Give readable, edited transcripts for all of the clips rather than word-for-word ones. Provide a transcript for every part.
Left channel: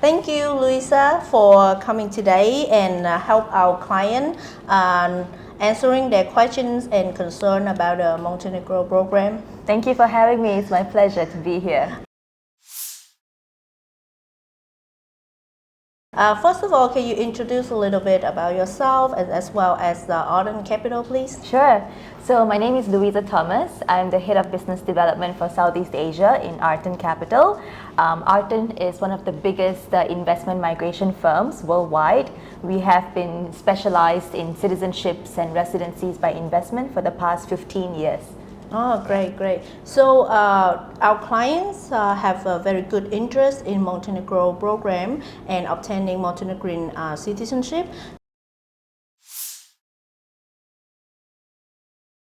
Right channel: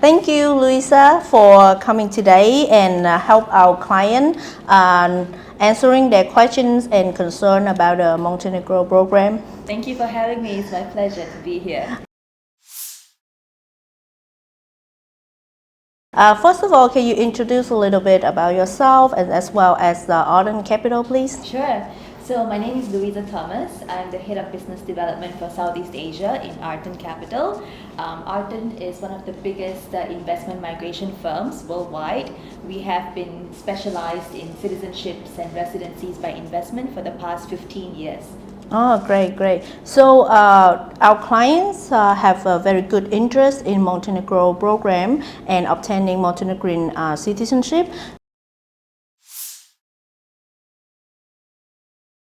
Thank you, Louissa, for coming today and help our client answering their questions and concern about the Montenegro program. Thank you for having me. It's my pleasure to be here. First of all, can you introduce a little bit about yourself and as well as the Arton Capital, please? Sure. So my name is Louissa Thomas. I'm the Head of Business Development for Southeast Asia in Arton Capital. Arton is one of the biggest investment migration firms worldwide. We have been specialized in citizenships and residencies by investment for the past 15 years. Oh, great. So our clients have a very good interest in Montenegro program and obtaining Montenegrin citizenship.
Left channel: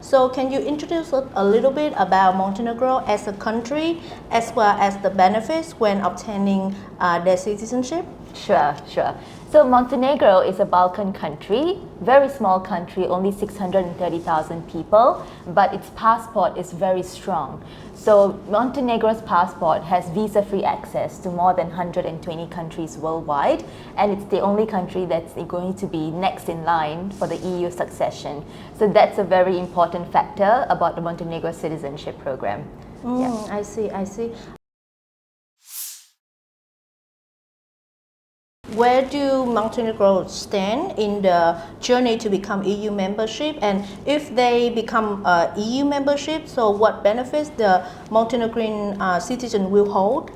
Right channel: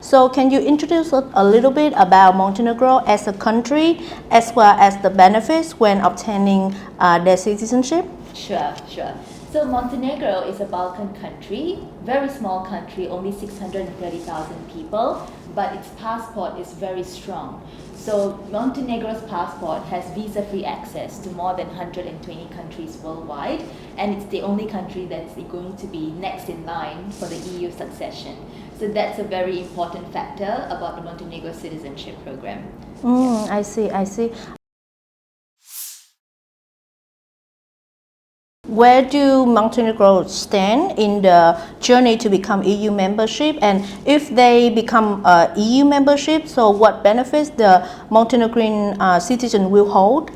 So can you introduce a little bit about Montenegro as a country as well as the benefits when obtaining their citizenship? Sure. So Montenegro is a Balkan country, very small country, only 630,000 people, but its passport is very strong. So Montenegro's passport has visa-free access to more than 120 countries worldwide, and it's the only country that's going to be next in line for the EU succession. So that's a very important factor about the Montenegro citizenship program. I see. Where do Montenegro stand in the journey to become EU membership? And if they become EU membership, so what benefits the Montenegrin citizen will hold?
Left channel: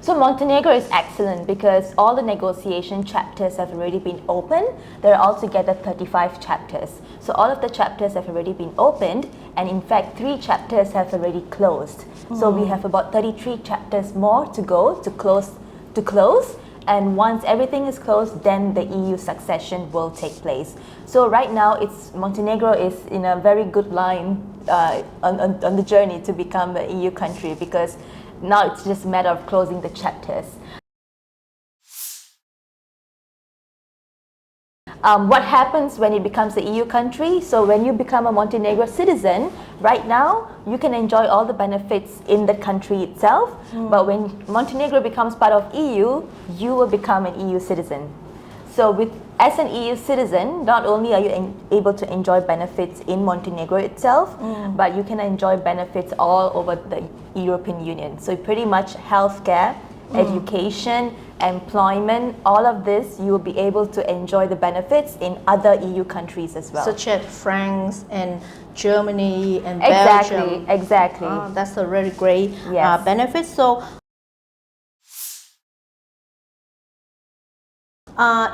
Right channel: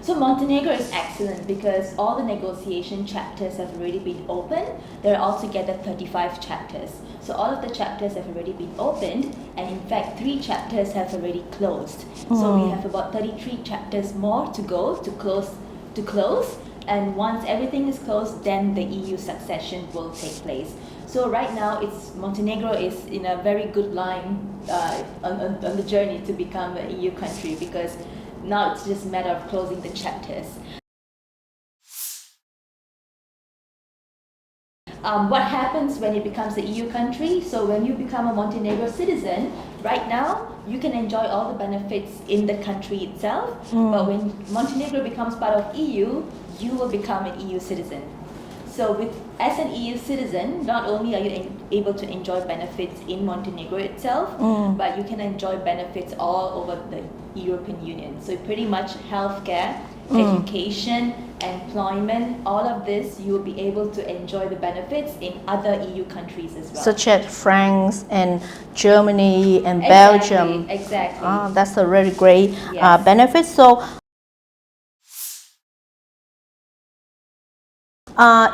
So Montenegro is excellent because all the negotiation chapters have already been opened. There are altogether 35 chapters. So all of the chapters have already been opened, and in fact 3 chapters have already closed. So we have about 33 chapters more to go to close. And once everything is closed, then the EU succession will take place. So right now, Montenegro is in a very good line on the journey to become an EU country, because now it's just a matter of closing the chapters. What happens when it becomes an EU country? So when you become a Montenegro citizen, right now you can enjoy all the benefits in the country itself. But when Montenegro becomes part of EU, you will become an EU citizen. So as an EU citizen, not only are you able to enjoy benefits in Montenegro itself, but you can enjoy benefits all over the European Union. So pretty much healthcare, education, employment, all of this, you will be able to enjoy the benefits in other EU countries as well. Such as France and Germany and Belgium. Exactly. That's a really great benefit. So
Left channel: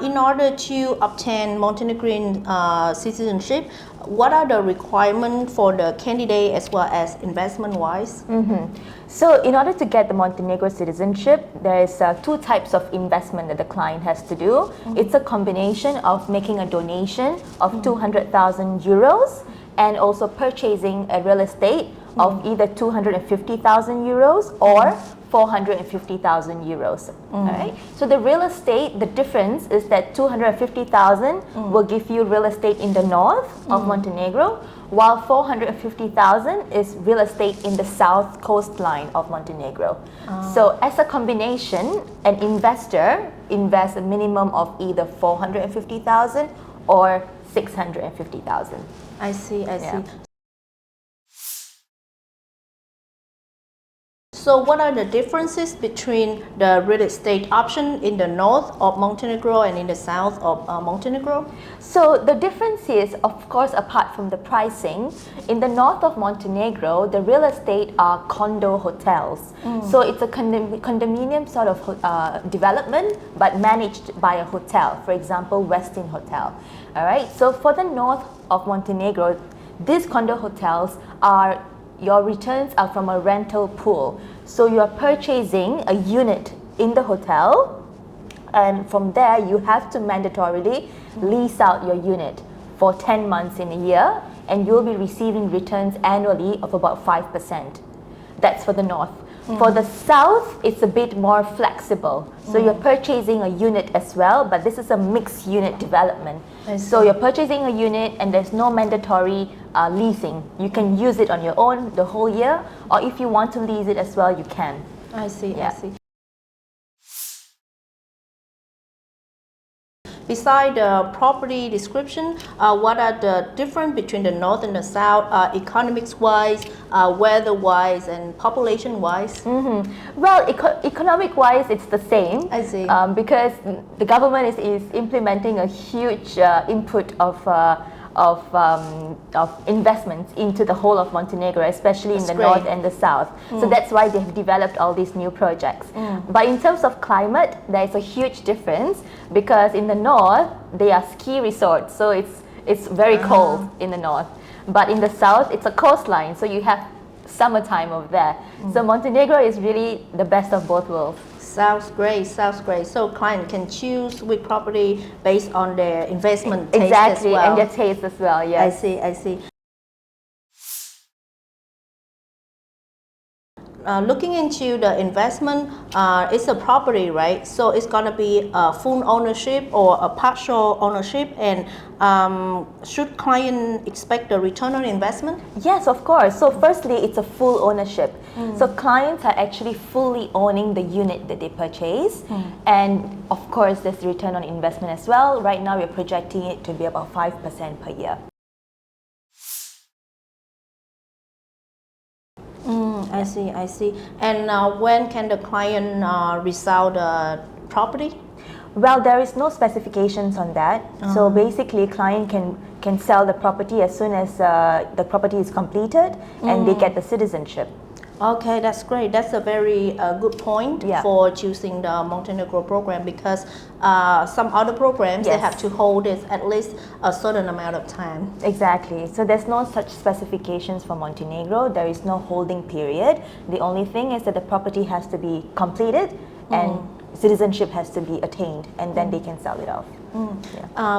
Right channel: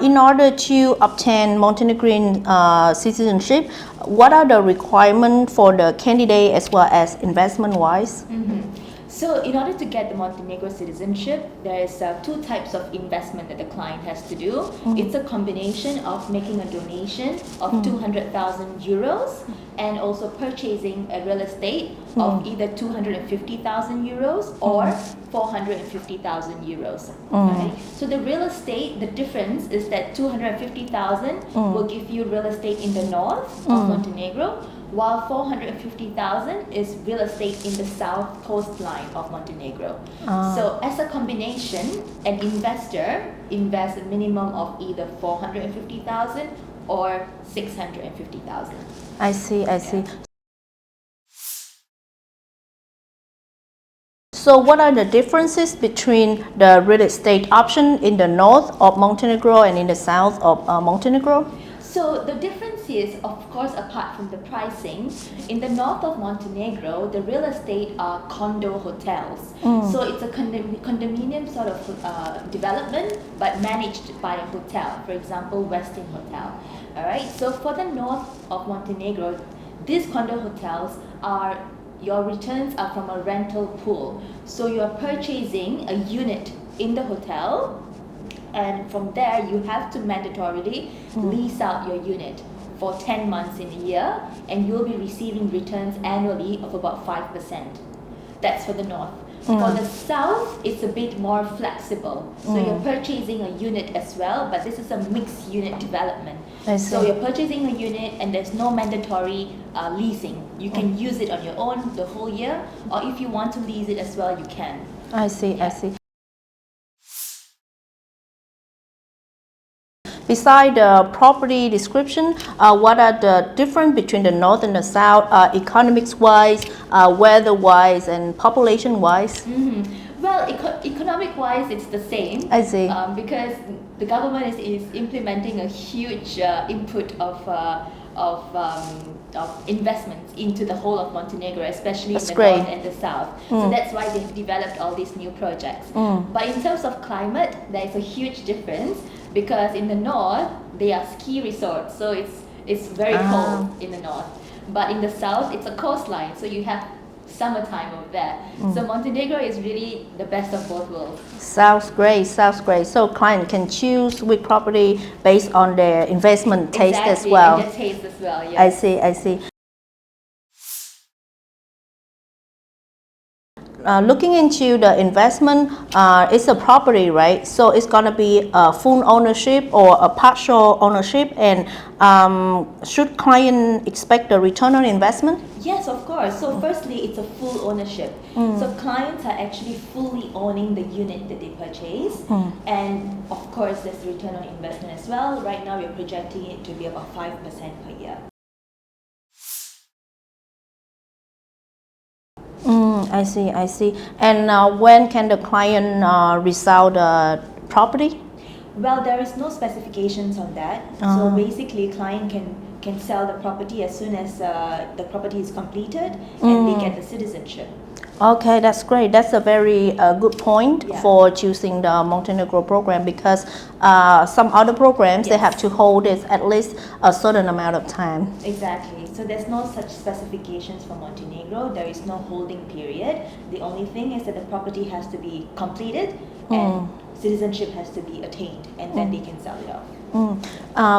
in order to obtain Montenegrin citizenship, what are the requirements for the candidate as well as investment-wise? So in order to get the Montenegro citizenship, there is 2 types of investment that the client has to do. It's a combination of making a donation of 200,000 euros and also purchasing a real estate of either 250,000 euros or 450,000 euros. Right? So the real estate, the difference is that 250,000 will give you real estate in the north of Montenegro, while 450,000 is real estate in the south coastline of Montenegro. So as a combination, an investor invests a minimum of either 450,000 or 650,000. I see. So what are the differences between the real estate option in the north of Montenegro and in the south of Montenegro? So the difference is, of course, apart from the pricing, in the north of Montenegro, the real estate are condo hotels. So it's a condominium sort of development, but managed by a hotel, for example, Westin Hotel. All right. So for the north of Montenegro, these condo hotels your returns are from a rental pool. So you are purchasing a unit in the hotel, and from there you have to mandatorily lease out your unit for 10 months in a year, and you'll be receiving returns annually of about 5%. That's for the north. For the south, it's a bit more flexible. So you're purchasing a unit as well, but this is a mixed unit development. So you're purchasing a unit and there's no mandatory leasing. You can use it on your own the whole year, or if you want to lease it as well, you can. I see. Beside the property description, what are the difference between the north and the south, economics-wise, weather-wise, and population-wise? Well, economic-wise, it's the same. I see. Because the government is implementing a huge input of investments into the whole of Montenegro, especially That's in the great. north and the south. So that's why they've developed all these new projects. But in terms of climate, there's a huge difference because in the north, they are ski resorts, so it's very cold in the north. But in the south, it's a coastline, so you have summertime over there. So Montenegro is really the best of both worlds. Sounds great, sounds great. So client can choose which property based on their investment taste as well. Exactly, and their taste as well, yes. I see, I see. Looking into the investment, it's a property, right? So it's gonna be a full ownership or a partial ownership, and should client expect a return on investment? Yes, of course. So firstly, it's a full ownership. So clients are actually fully owning the unit that they purchase. And of course, there's return on investment as well. Right now, we're projecting it to be about 5% per year. I see, I see. And when can the client resell the property? Well, there is no specifications on that. So basically, client can sell the property as soon as the property is completed and they get the citizenship. Okay, that's great. That's a very good point for choosing the Montenegro program, because some other programs, they have to hold it at least a certain amount of time. Exactly. So there's no such specifications for Montenegro. There is no holding period. The only thing is that the property has to be completed and citizenship has to be attained, and then they can sell it off.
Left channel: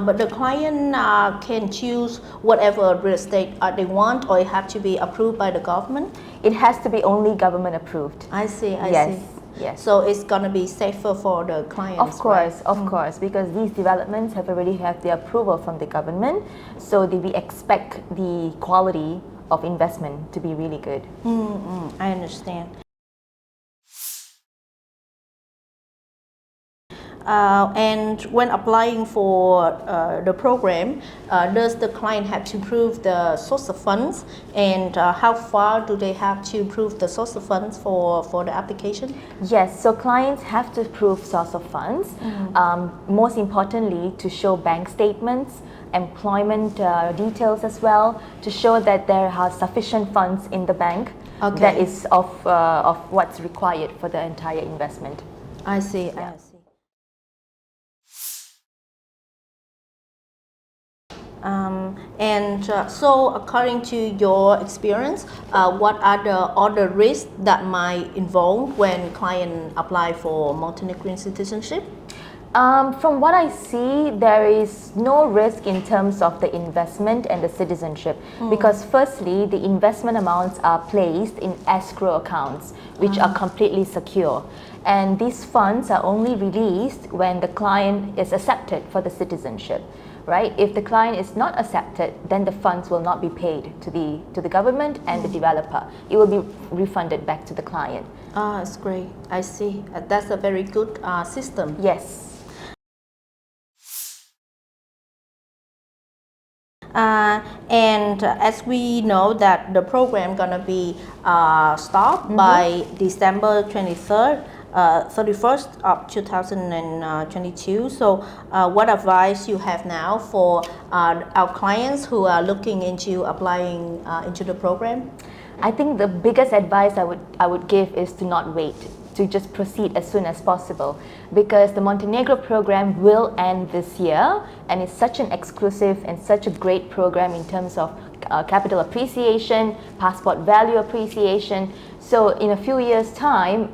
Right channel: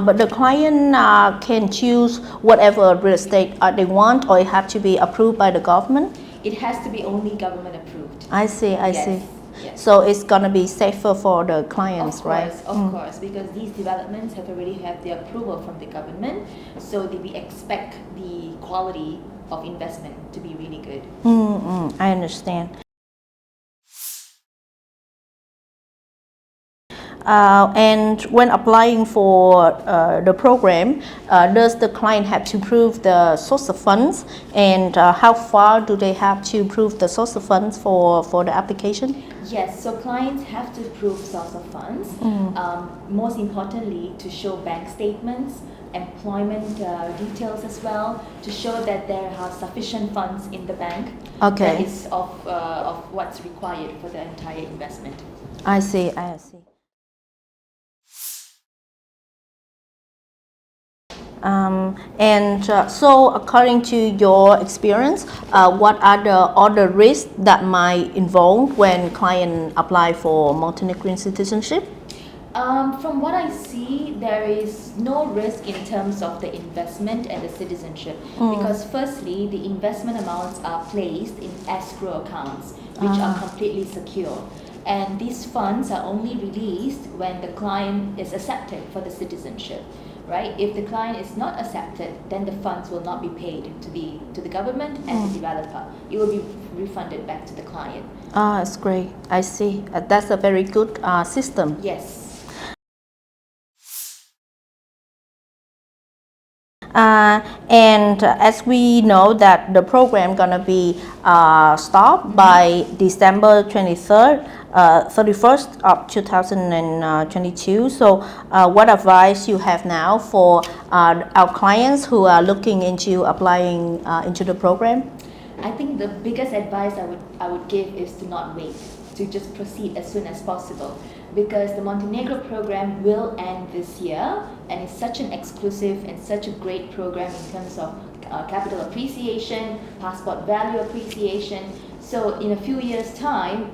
But the client can choose whatever real estate they want, or it have to be approved by the government? It has to be only government approved. I see, I see. Yes. So it's gonna be safer for the clients, of course, right? Of course, because these developments have already had the approval from the government, so we expect the quality of investment to be really good. I understand. And when applying for the program, does the client have to prove the source of funds, and how far do they have to prove the source of funds for the application? Yes, so clients have to prove source of funds. Most importantly, to show bank statements, employment details as well, to show that there are sufficient funds in the bank that is of what's required for the entire investment. I see, I see. So according to your experience, what are the other risks that might involve when client apply for Montenegrin citizenship? From what I see, there is no risk in terms of the investment and the citizenship, because firstly, the investment amounts are placed in escrow accounts, which are completely secure. And these funds are only released when the client is accepted for the citizenship. Right? If the client is not accepted, then the funds will not be paid to the government and the developer. It will be refunded back to the client. That's great. I see. That's a very good system. Yes. And as we know that the program gonna be stopped by December 23rd, 31st of 2022. So what advice you have now for our clients who are looking into applying into the program? I think the biggest advice I would give is to not wait, to just proceed as soon as possible, because the Montenegro program will end this year, and it's such an exclusive and such a great program in terms of capital appreciation, passport value appreciation. So in a few years' time,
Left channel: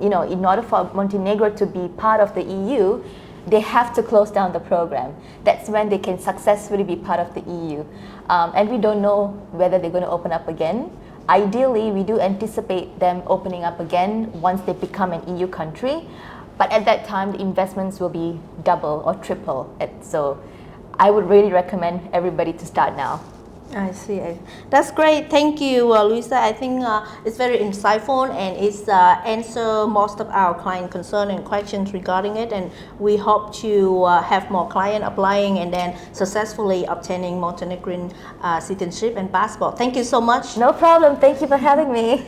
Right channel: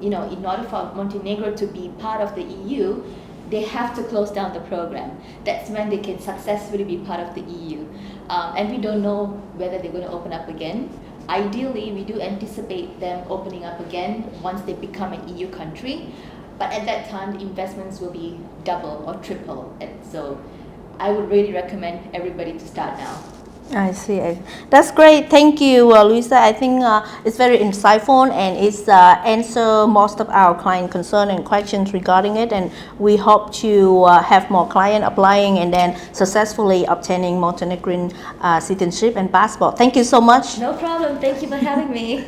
in order for Montenegro to be part of the EU, they have to close down the program. That's when they can successfully be part of the EU. And we don't know whether they're going to open up again. Ideally, we do anticipate them opening up again once they become an EU country. But at that time, the investments will be double or triple. And so I would really recommend everybody to start now. I see. That's great. Thank you, Louisa. I think it's very insightful and it's answer most of our client concern and questions regarding it. And we hope to have more client applying and then successfully obtaining Montenegrin citizenship and passport. Thank you so much. No problem. Thank you for having me.